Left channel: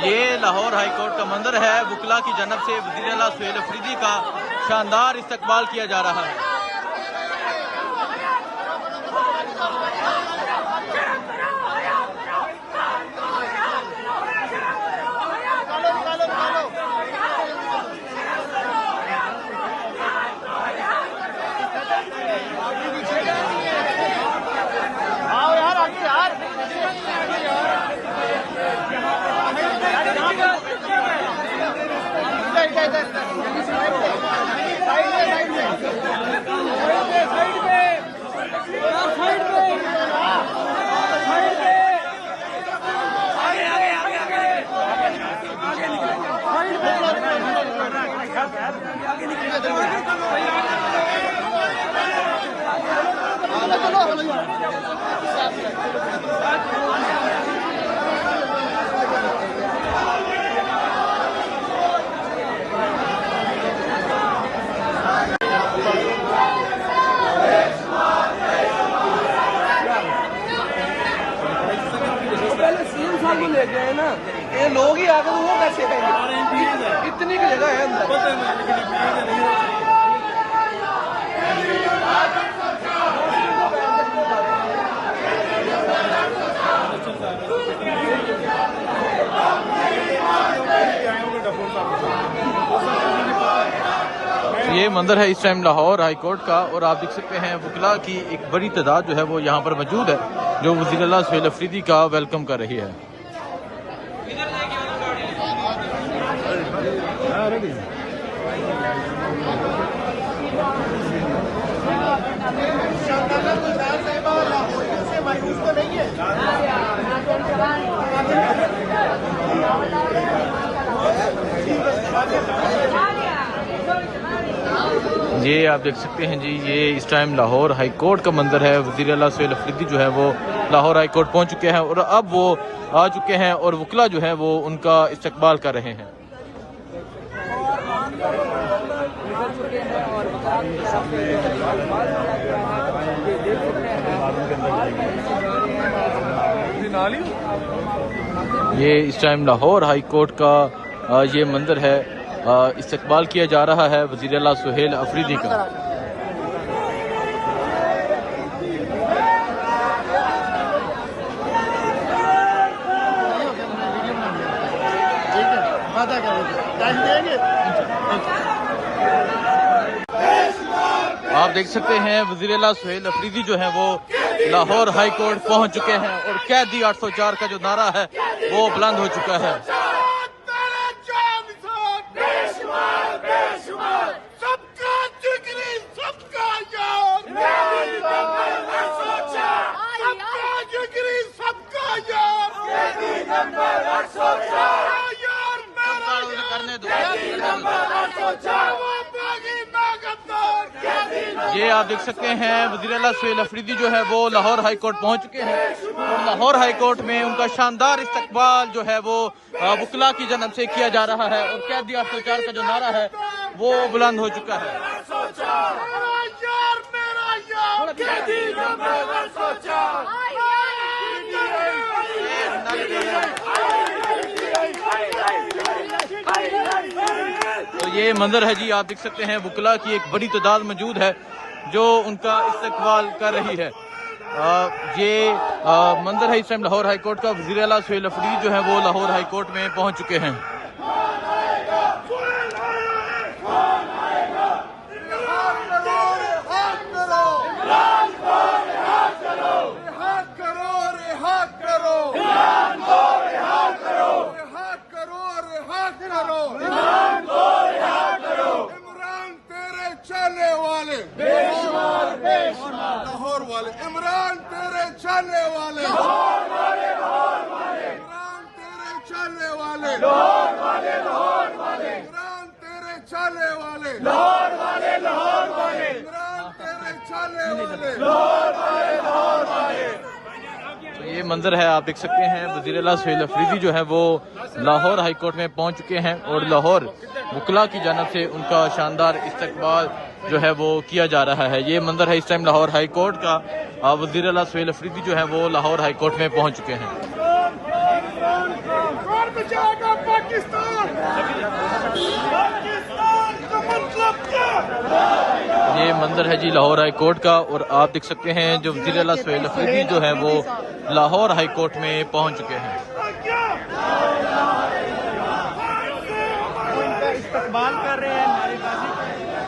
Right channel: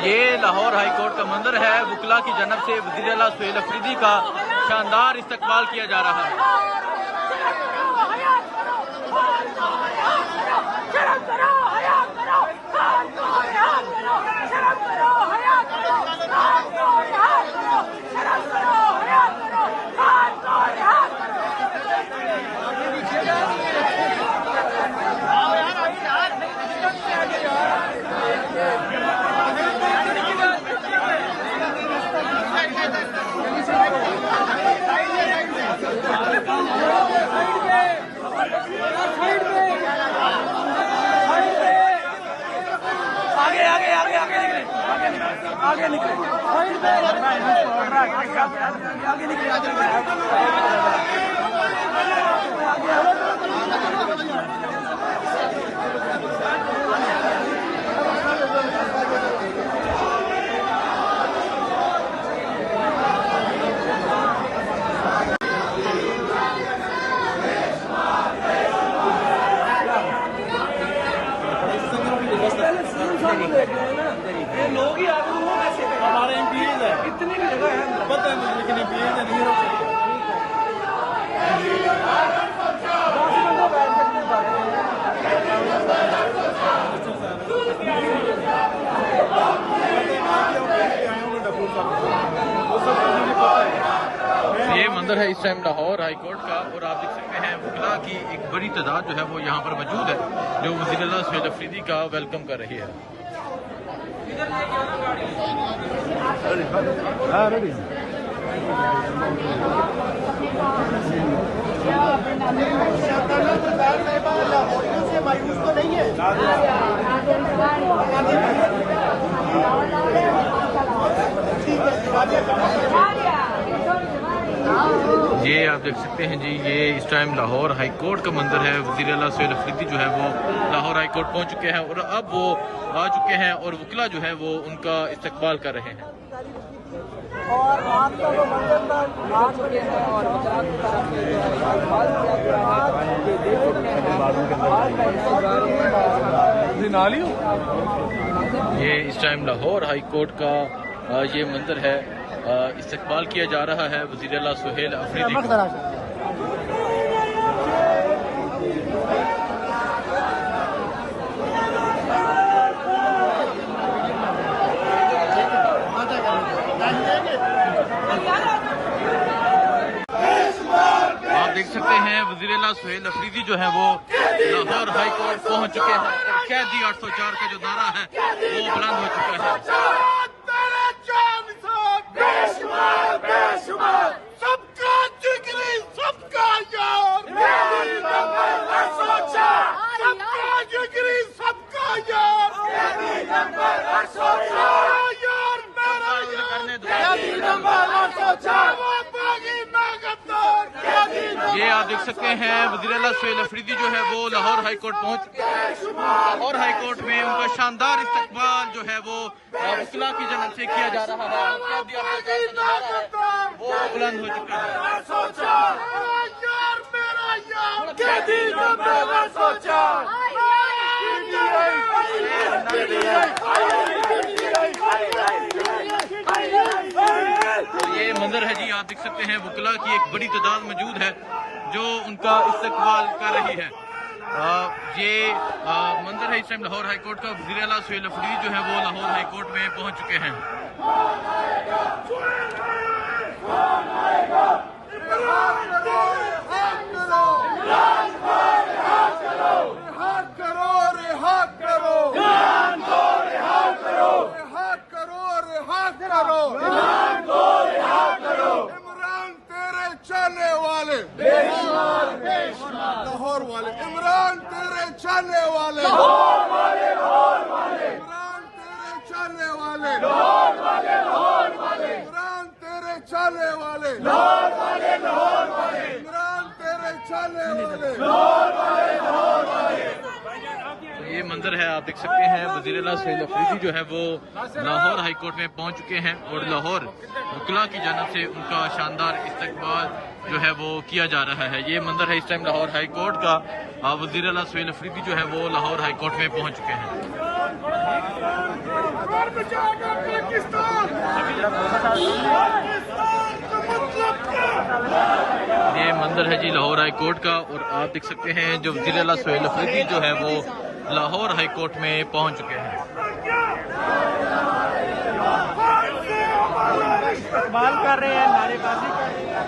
ये Lahore high court का मंदिर है। वकला की जानब से वज़ीर आला सुहेल अफरीदी का शानदार इस्तकबाल किया जा रहा है। ले गए ना ये लोग ही आगे वो कैसे हमारे एमपीएज है इतनी की जगह है पता है मुझे लेकिन एमपीएज है नहीं ये मंदिर है इस टाइम लाहौर हाई कोर्ट का और आप देख सकते हैं वकला की एक बड़ी तादाद जो है वो यहाँ पर मौजूद है जो वज़ीर आला सुहेल अफरीदी का वेलकम कर रही है। रेडी ये आप देख सकते हैं जी, ये इस टाइम लाहौर हाई कोर्ट का मंदिर है। वज़ीर आला सुहेल अफरीदी जो है वो लाहौर हाई कोर्ट पहुंच चुके हैं और अब वो आ चुके हैं और वकला जो है वो उनका इस्तकबाल कर रहे हैं। और आप का वो मंदिर आ चुके हैं और वकला की तरफ से जो है इस्तकबाल किया गया है। ये देख सकते हैं ये इस टाइम लाहौर हाई कोर्ट का ये मंदिर है। इस्तकबाल किया जा रहा है वज़ीर आला सुहेल अफरीदी का। आप देख सकते हैं वज़ीर आला सुहेल अफरीदी जो है वो लाहौर हाई कोर्ट पहुंच चुके हैं और कैदी 804 का जो नारा है वो बुलंद हो चुका है। सबका जिगरी सबका यार, सबका जिगरी सबका यार, यार मेरा करने दो। ये आप देख सकते हैं वज़ीर आला सुहेल अफरीदी जो है वो लाहौर हाई कोर्ट पहुंच चुके हैं। लाहौर हाई कोर्ट में उनका शानदार इस्तकबाल जो है वो वकला की जानब से किया जा रहा है और कैदी 804 का जो नारा है वो बुलंद हो चुका है। तो ये मंदिर है जी, आप देख सकते हैं वकला की एक बड़ी तादाद मौजूद है जो उनका इस्तकबाल कर रही है। ये मंदिर है इस टाइम लाहौर हाई कोर्ट का। वज़ीर आला सुहेल अफरीदी जो है वो लाहौर हाई कोर्ट में पहुंच चुके हैं। इमरान तेरे चाहने वाले, लाहौर वाले, इमरान तेरे चाहने वाले, इमरान तेरे चाहने वाले, इमरान तेरे चाहने वाले, इमरान तेरे चाहने वाले। तो ये मंदिर है, आप देख सकते हैं वज़ीर आला सुहेल अफरीदी जो है वो लाहौर हाई कोर्ट में पहुंच चुके हैं और लाहौर वकला की जानब से उनका शानदार इस्तकबाल जो है वो किया जा रहा है। ये मंदिर है इस टाइम लाहौर हाई कोर्ट का। वज़ीर आला सुहेल अफरीदी जो है वो लाहौर हाई कोर्ट में पहुंच चुके हैं। कौन बचाएगा पाकिस्तान? पाकिस्तान का मतलब क्या? ये मंजर है जी लाहौर हाई कोर्ट का, और आप देख सकते हैं जो वज़ीर आला सुहेल अफरीदी जो है वो लाहौर हाई कोर्ट में पहुंच चुके हैं। इस्तकबाल कर रहे हैं, नारेबाजी कर रहे हैं।